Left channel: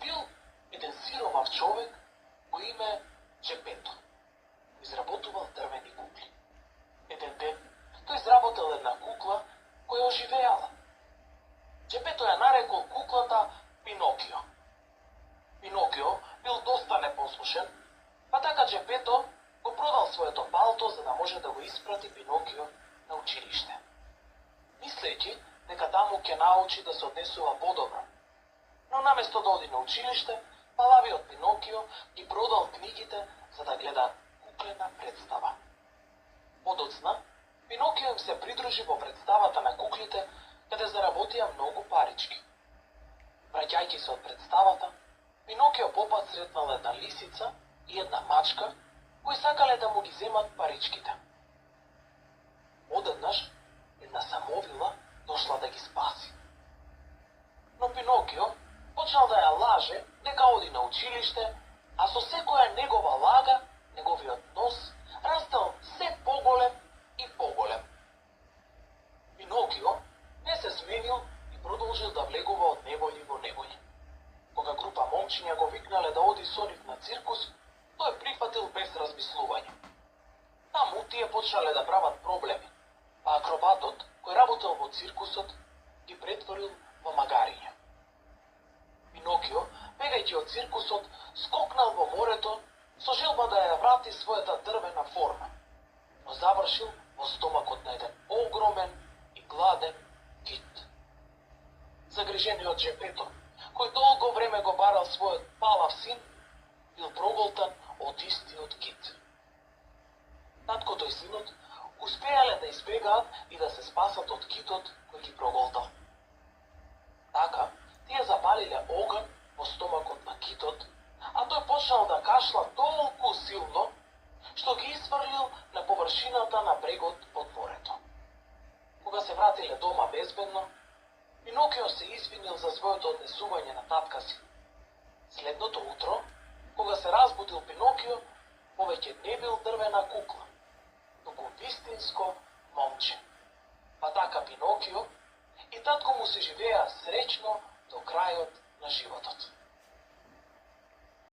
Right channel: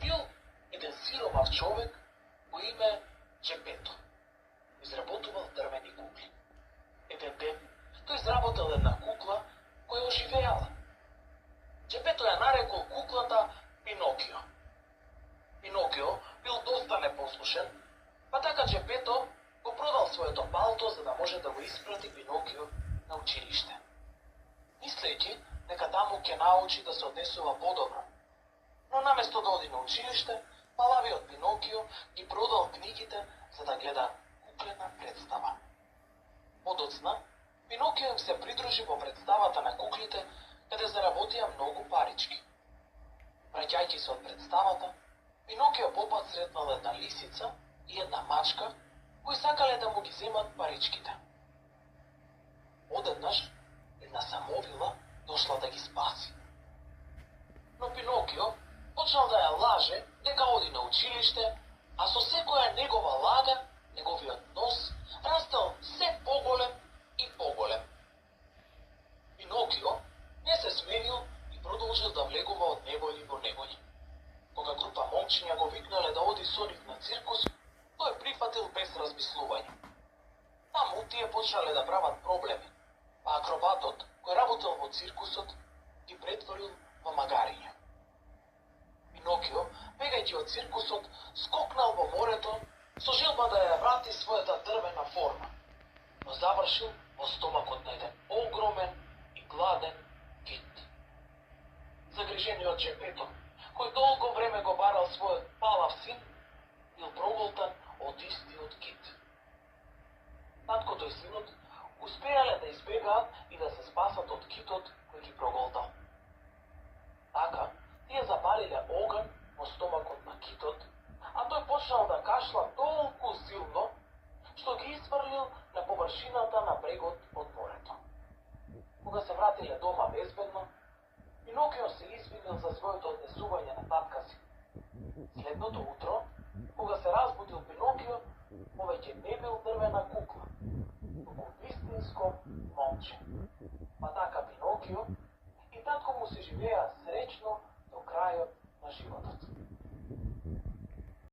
бил еден сиромав човек по име Джепето. Изработувал дрвени кукли. Еден ден тој изработил една кукла која оживеала. Джепето ја нарекол куклата Пинокио. Пинокио бил доста непослушен, па така Джепето го продал своето палто за да може да го испрати Пинокио на училиште. Мислејќи дека таму ќе научи да се однесува подобро. Но наместо да оди на училиште, палавиот Пинокио ги продал книгите за да гледа куклена представа. Подоцна, Пинокио им се придружи во представата на куклите, каде заработија многу парички. Враќајќи се од представата, Пинокио попат сретнал една лисица и една мачка, кои сакале да му ги земат паричките. Одеднаш, една самовила дошла да ги спаси. Но Пинокио почнал да ја лаже дека оди на училиште, а со секоја негова лага, неговиот нос растел се поголем и поголем. Пинокио не се сменил и продолжил да влегува од невољи во невољи. Кога група момчиња го викнале да оди со нив на циркус, тој прифатил без размислување. Таму тие почнале да прават проблеми, а акробатот, кој работел во циркусот, ги претворил во магариња. Пинокио, бегајќи од циркусот, скокнал во морето со желба да ја врати својата дрвена форма, но завршил во стомакот на еден огромен и гладен кит. Загрижениот Джепето, кој долго време го барал својот палав син, бил проголтан од истиот кит. Таткото и синот успеале да избегаат и да се спасат од китот кој ги проголтал. Така, тие запалиле оган во стомакот на китот, а тој почнал да кашла толку силно, што ги изфрлил на површината на брегот од морето. Кога се вратиле дома безбедно, Пинокио се извинил за своето однесување на татка си. Следното утро, кога се разбудил Пинокио, повеќе не бил дрвена кукла, туку вистинско момче. Па така Пинокио и татко му се живеа среќно до крајот на животот.